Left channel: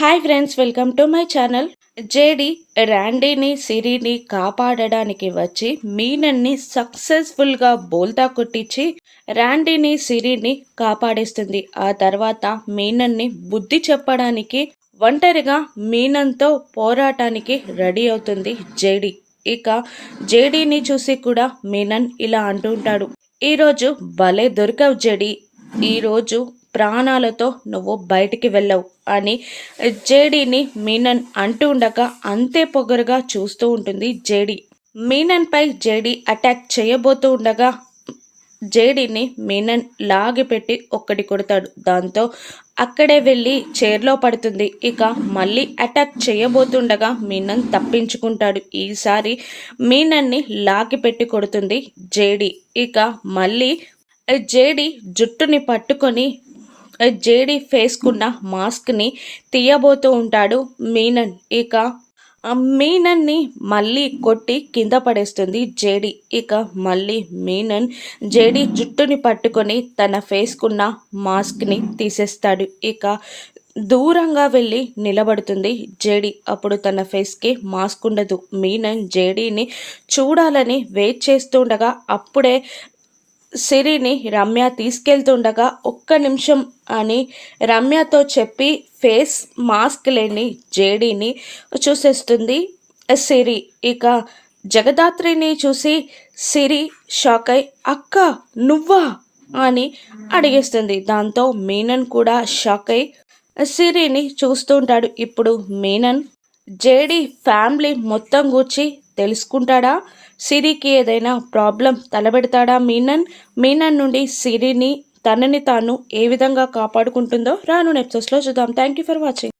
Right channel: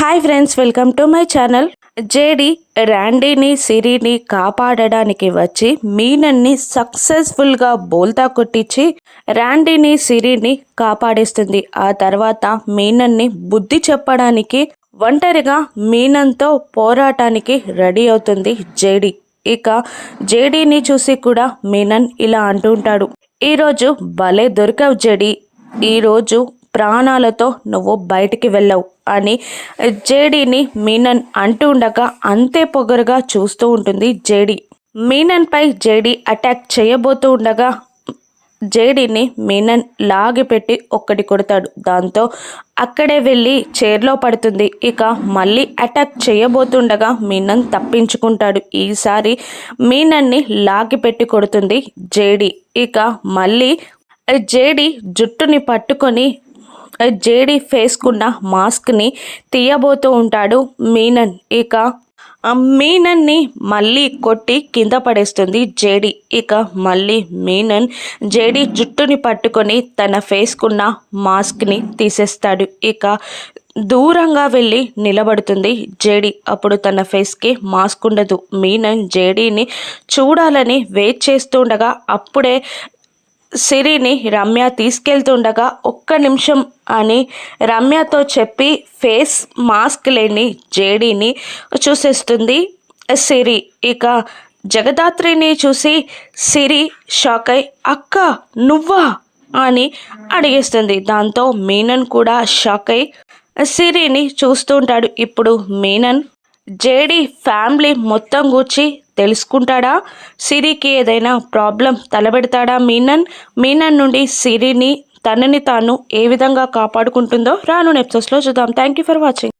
Hi friends welcome to my channel. JD ర్యాండీని సిరిని కాపాడడానికి వచ్చి మీనన్ని సక్సెస్ఫుల్గా బోల్తా కొట్టించి ర్యాండీని సిరిని కాపాడేస్తుంది. ఆ తర్వాత మీనన్ని బుద్ధి చెప్పడానికి ఒంటరిగా మీనంతో పోరాటానికి రెడీ అవుతుంది జేడి. ఇక జేడీని చూసి కూడా మీనన్ ఇలా అంటుంటాడు ఈరోజు భలే దొరికావు జేడి. ఈరోజు ప్రాణాలతో నువ్వు బయటికి వెళ్ళవు అని జేడీని మీనన్ అంటూ ఉండగా అంతే పొగరుగా చూస్తూ ఉంటుంది జేడీ. మీనన్పై జేడీ అటాక్ చేయబోతూ ఉండగా జేడీని మీనన్ లాగిపెట్టి ఒక్కటి కొడతాడు. దాంతో అక్కడే వెళ్ళి చైర్లో పడుతుంది. ఇక మళ్ళీ అటాక్ చేయబోతుండగా మీనన్ తప్పించుకుంటాడు. ఈసారి మీనన్ని లాగిపెట్టి కొడుతుంది జేడీ. ఇక మళ్ళీ జేడీ జుట్టుని పట్టుకొని జేడి ఫేస్కున్న మాస్క్ని తీయబోతూ ఉంటాడు మీనన్. ఇక ఆ మీనన్ని మళ్ళీ కొట్టి కింద పడేస్తుంది జేడి. ఇక మళ్ళీ మీనన్ జేడి జుట్టుని పట్టుకొని తన ఫేస్కున్న మాస్క్ని తీసేస్తాడు. ఇక దూరంగా వెళ్ళి నిలబడుతుంది జేడి. అప్పుడు తన ఫేస్కి మాస్క్ ఉండదు. మీనన్ జేడీని చూడాలని వెయిట్ చేస్తుండగా అప్పుడే సిరిని రమ్య తీసుకెళ్తుండగా ఒక్క నిమిషం అని రమ్యతో చెప్పి ఫేస్ మాస్క్ లేని జేడీని చూసేస్తుంది సిరి. ఇక జగదాత్రిని చూసి సిరి షాక్ అయి అక్క నువ్వా? అని అడిగేస్తుంది. దాంతో మీనన్ కూడా షాక్ అయి సిరిని చూస్తుంటాడు ఇప్పుడు మీనన్. జేడి ఫ్యామిలీ మొత్తం గూర్చి తెలుసుకుంటాడా? సిరికి ఏదైనా ప్రాబ్లం తలబెడతాడా మీనన్? మీనన్ నుండి సిరిని తనని తాను ఏ విధంగా కాపాడుకుంటుందో రాను ఎపిసోడ్స్లో చూద్దాం. Thank you for watching.